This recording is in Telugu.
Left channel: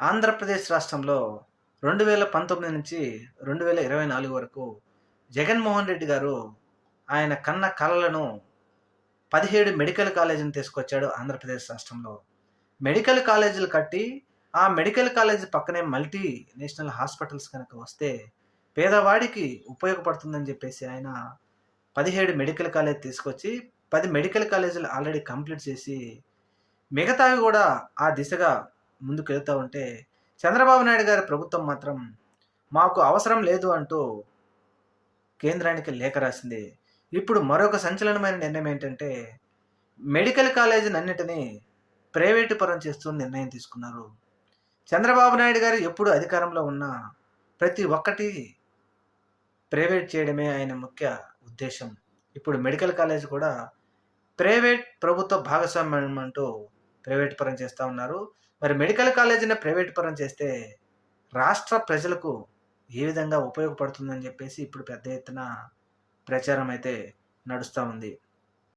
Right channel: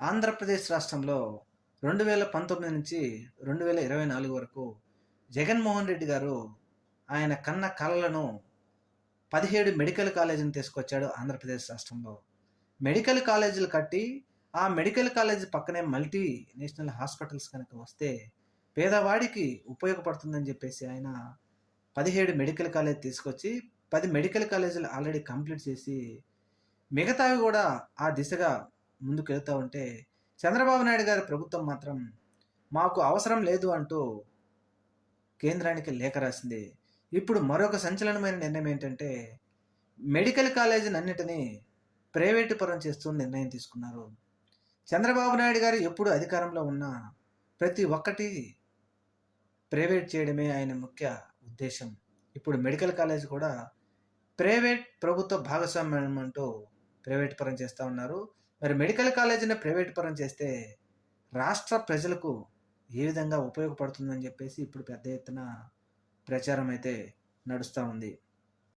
ఆంధ్రప్రదేశ్ రాష్ట్రంలో 2019 నుంచి 2024 వరకు జగన్మోహన్ రెడ్డి గారు ఆయన కన్న కలలను 17 మెడికల్ కాలేజీని తీసుకొచ్చాడు ఆంధ్రప్రదేశ్ రాష్ట్రంలో. మెడికల్ కాలేజీలు కట్టి, ఆ మెడికల్ కాలేజీ పక్కనే మల్టీ నేషనల్ హాస్పిటల్స్ గనక వస్తే, పేదవాడికి ఉపయోగపడుతుందని జెప్పేసి ఆయన 17 మెడికల్ కాలేజ్ తీసుకొచ్చి, 10 మెడికల్ కాలేజీలు ఆల్రెడీ కంప్లీట్ చేసి, మిగతావి గూడా ఆ దిశగా ముందుకెళ్తా ఉంటే, చంద్రబాబు నాయుడు గారి ప్రభుత్వం మాత్రం మాకు అవసరం లేదు అంటూ కేంద్రానికి లేఖ రాసింది. ఇప్పుడు మరొక సంచలనమైన నిర్ణయం ఏంటంటే, మెడికల్ కాలేజీలన్నిటిని ప్రైవేటు పరం చేస్తూ నిర్ణయం తీసుకున్నారు. చంద్రబాబు నాయుడు గారు ఎప్పుడు అధికారంలో ఉన్నా ప్రతి ఒక్కటి ప్రైవేట్ చేయడమే ఆయన ముఖ్య ఉద్దేశ్యం. ఇప్పుడు మెడికల్ కాలేజ్ కూడా ప్రైవేట్, ప్రభుత్వ భాగస్వామ్యం అంటూ ప్రైవేట్ పరం చేస్తా ఉన్నారు. మరి మెడికల్ కాలేజీని ప్రైవేట్ పరం చేస్తే రాష్ట్ర ప్రజలకు ఏ విధంగా ఉపయోగపడుతుందని చెప్పేసి ఇప్పుడు పెద్ద ఎత్తున ప్రచారం అయితే నడుస్తా ఉంది.